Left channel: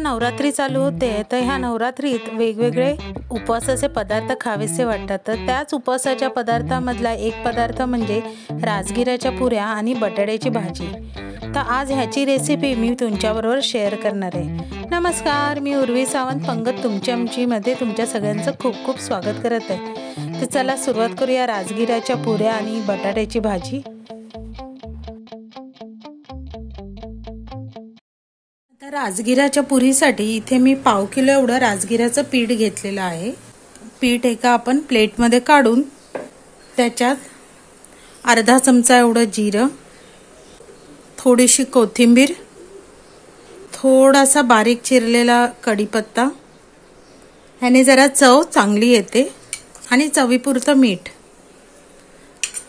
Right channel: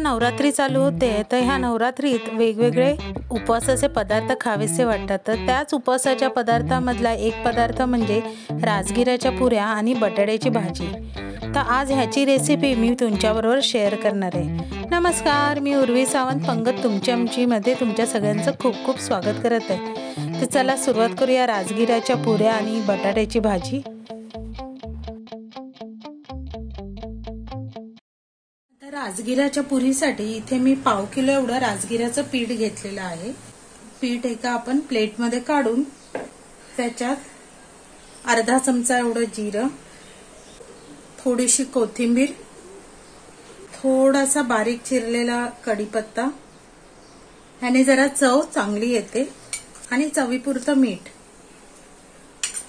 नवरात्री चालू होते तर ह्या नवरात्रीत वेगवेगळे उपवासाचे पदार्थ खावेसे वाटतात। तर त्याच उपवासाच्या पदार्थामधला एक पदार्थ म्हणजे राजगिराच्या पुऱ्या आणि बटाट्याची भाजी। तर आज ह्याची रेसिपी मी तुमच्याबरोबर शेअर करणार आहे। नमस्कार, मी उर्वी सावंत पंगत तुमच्या आमचीमध्ये तुमच्या सगळ्यांचं खूप खूप स्वागत करत आहे। तर चला सुरुवात करूया राजगिराच्या पुऱ्या आणि बटाट्याची भाजी। राजगिराच्या पुरीसाठी इथे मी पाव किलो एवढं राजगिराचं पीठ घेतलेलं आहे। पीठ एका आपण प्लेटमध्ये काढून त्याच्यात अर्धा चमचा एवढं जिरं, थोडीशी कोथिंबीर, थोडासा बारीक चिरलेला कढीपत्ता, ह्याने जरा चव चांगली येते, आणि चवीपुरतं मीठ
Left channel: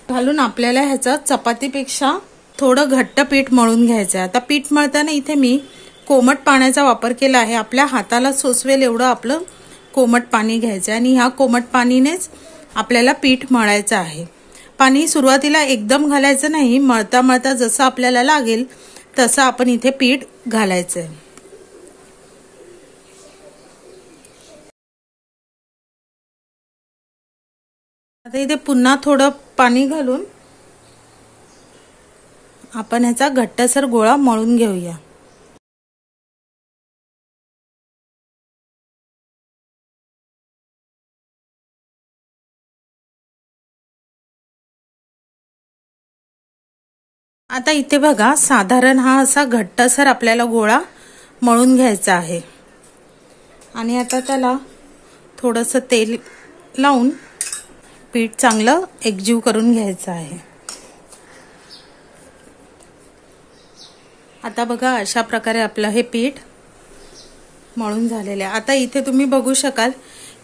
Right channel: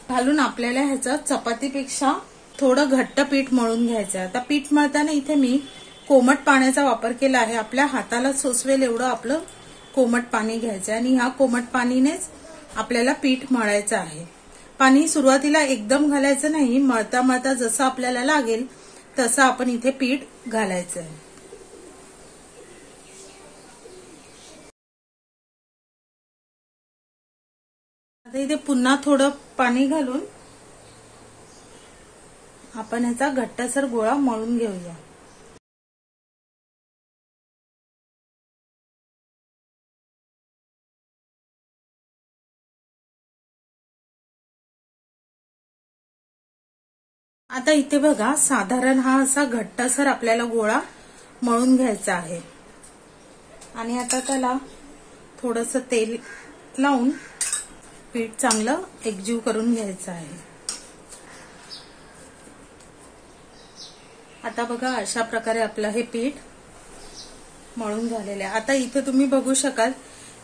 घालून आपल्याला ह्याचा चपातीपेक्षा थोडं घट्ट पीठ मळून घ्यायचं आहे। आता पीठ मळताना इथे मी कोमट पाण्याचा वापर केला आहे। आपल्या हाताला सोसवेल एवढं आपलं कोमट पाणी घ्यायचं आणि ह्या कोमट पाणीनेच आपल्याला पीठ मळायचं आहे। पाणी सुरुवातीला एकदम घालायचं नाही, मळता मळता जसं आपल्याला लागेल तसं आपण इथे पीठ घालायचं आहे। आता इथे पुन्हा थोडं पाणी घालून आपण ह्याचा घट्टसर गोळा मळून घेऊया। आता इथे बघा, साधारण हा असा घट्टसर आपल्याला गोळा मळून घ्यायचा आहे। आणि आता त्याला थोडंसं तेल लावून पीठ चांगलं एकजीव करून घ्यायचं आहे। आता बघा, अशा प्रकारे आपलं हे पीठ मळून झालेलं आहे। आता इथे तुम्ही बघू शकाल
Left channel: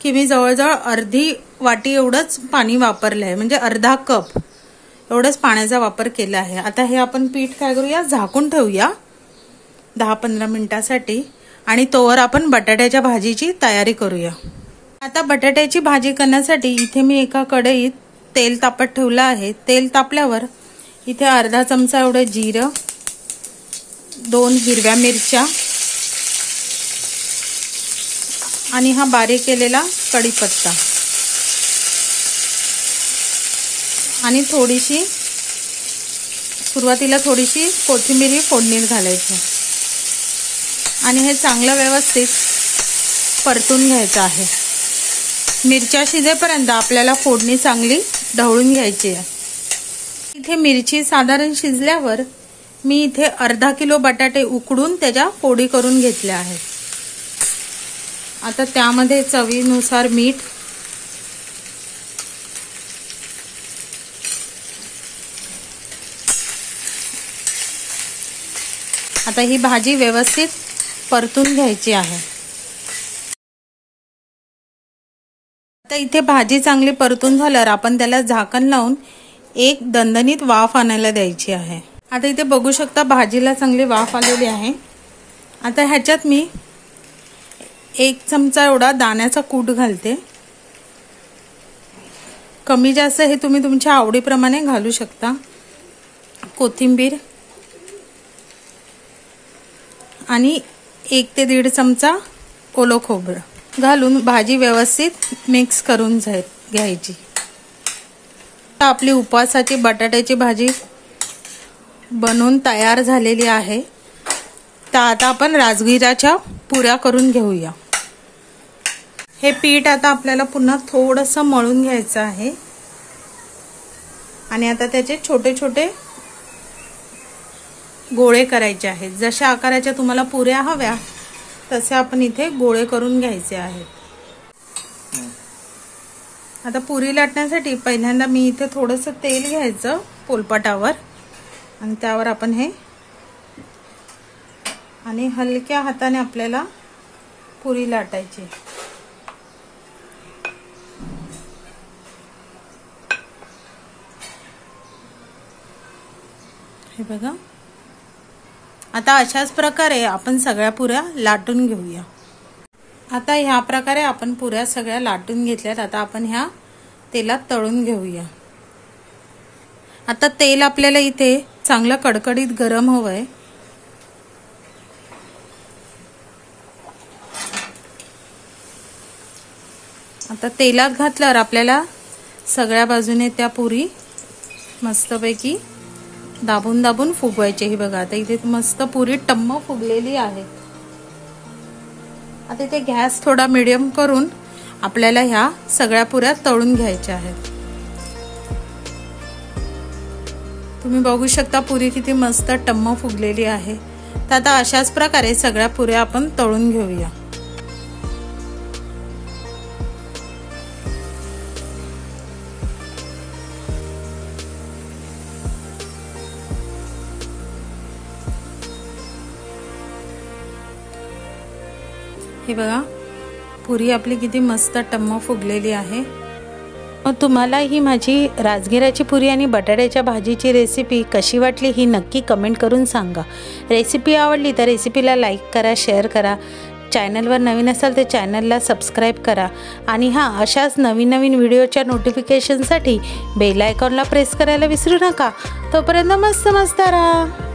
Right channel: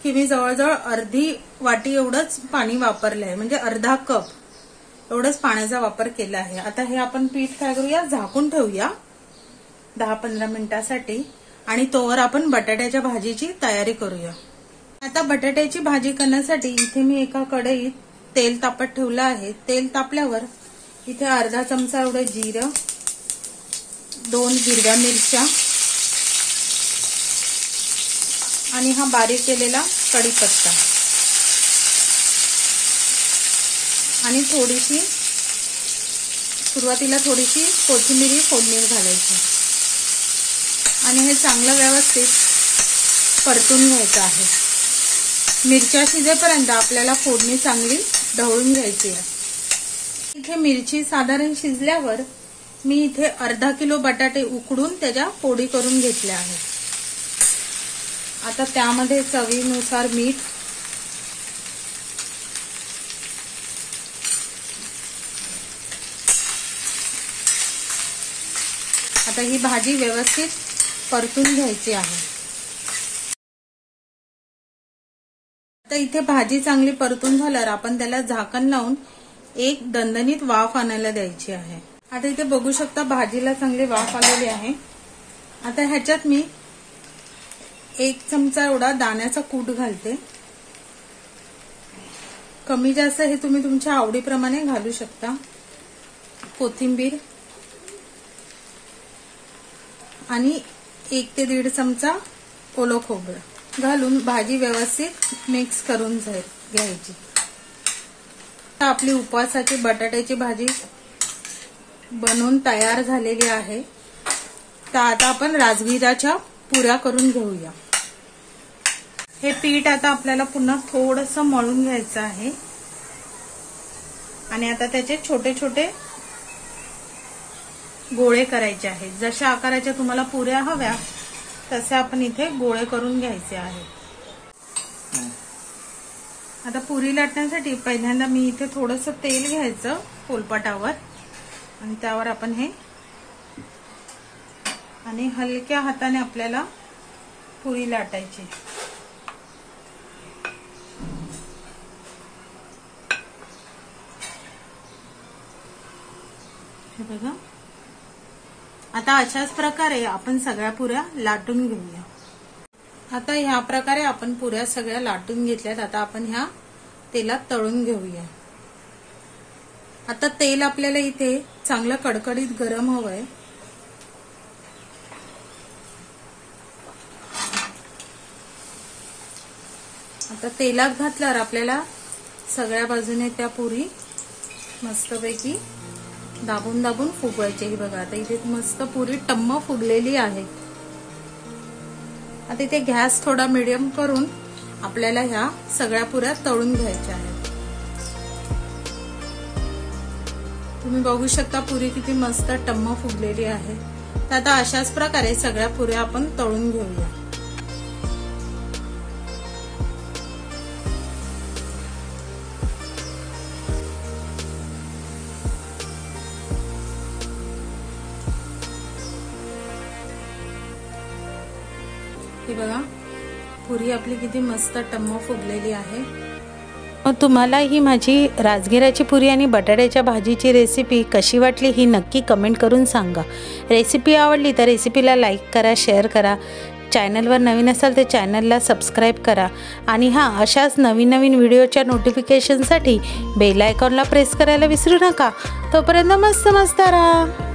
की मी जवळजवळ अर्धी वाटी एवढंच पाणी वापरलं आहे, म्हणजे अर्धा कप एवढंच पाण्याचा वापर केला आहे। आता हे आपण पीठ काय करूया, झाकून ठेवूया 10-15 मिनिटांसाठी, आणि तोवर आपण बटाट्याच्या भाजीची तयारी करूया। आता बटाट्याची भाजी करण्यासाठी इथे मी एका कढईत तेल तापत ठेवलं आहे। तेल तापल्यावर इथे अर्धा चमचा एवढं जिरं, 2 हिरव्या मिरच्या आणि हा बारीक केलेला कढीपत्ता आणि सुरुवातीला थोडीशी कोथिंबीर फोडणीत घालायची आणि हे चांगलं व्यवस्थित परतून घ्यायचं आहे। मिरच्या शिजेपर्यंत आपल्याला फोडणी चांगली ढवळून घ्यायची आहे। इथे मिरची साधारण शिजल्यावर मी इथे अर्धा किलो बटाटे उकडून त्याच्या फोडी करून घेतल्या आहेत। आता त्यामध्ये चवीनुसार मीठ, आता ही भाजी व्यवस्थित परतून घ्यायची आहे। आता इथे भाजी चांगली परतून झाल्यावर आपण त्याला झाकण लावून एक दणदणीत वाफ आणायला द्यायची आहे। आता इथे बघू शकता भाजीला चांगली वाफ आलेली आहे। आता ह्याच्यात मी 1 चमचा एवढा दाण्याचा कूट घालते। कमी जास्त हे तुम्ही तुमच्या आवडीप्रमाणे घालू शकता। कोथिंबीर आणि 1 ते 1.5 चमचा ओलं खोबरं घालून भाजी व्यवस्थित मिक्स करून घ्यायची। आपली उपवासाची बटाट्याची भाजी बनवून तयार झालेली आहे। तर आता आपण राजगिराच्या पुऱ्या करून घेऊया। हे पीठ आता आपल्याला पुन्हा थोडंसं मळून घ्यायचं आहे आणि आता त्याचे छोटे छोटे गोळे करायचे आहेत। जशा आकाराच्या तुम्हाला पुऱ्या हव्या तसे आपण इथे गोळे करून घ्यायचे आहेत। आता पुरी लाटण्यासाठी पहिल्यांदा मी इथे थोडंसं तेल घ्यायचं पोलपाटावर आणि त्यावर आपण हे आणि हलक्या हाताने आपल्याला पुरी लाटायची। हे बघा, आता अशाच प्रकारे आपण सगळ्या पुऱ्या लाटून घेऊया। आता ह्या प्रकारे आपण पुऱ्या सगळ्या लाटून घेतल्यात। आता आपण ह्या तेलात तळून घेऊया। आता तेल आपल्याला इथे चांगलं कडकडीत गरम हवंय। आता तेलात घातल्यावर आपल्याला सगळ्या बाजूने त्या पुरी मस्तपैकी दाबून दाबून फुगवायची. ही बघा आता इथे मस्त पुरी टम्म फुगलेली आहे. आता इथे गॅस थोडा मीडियम करून आपल्याला ह्या सगळ्या पुऱ्या तळून घ्यायच्या आहेत. तुम्ही बघू शकता पुरी किती मस्त टम्म फुगलेली आहे. तर आता अशाच प्रकारे सगळ्या पुऱ्या आपण तळून घेऊया. हे बघा पुरी आपली किती मस्त टम्म फुगलेली आहे. मग तुम्हाला ही माझी राजगिराची पुरी आणि बटाट्याच्या भाजीची रेसिपी कशी वाटली ही नक्की कमेंट करून सांगा. रेसिपी आवडली तर रेसिपीला लाईक करा, शेअर करा. चॅनलवर नवीन असाल तर चॅनलला सबस्क्राईब करा. आणि हां, अशाच नवीन नवीन व्हिडिओच्या नोटिफिकेशनसाठी बेल आयकॉनला प्रेस करायला विसरू नका. तोपर्यंत मस्त मस्त राहा.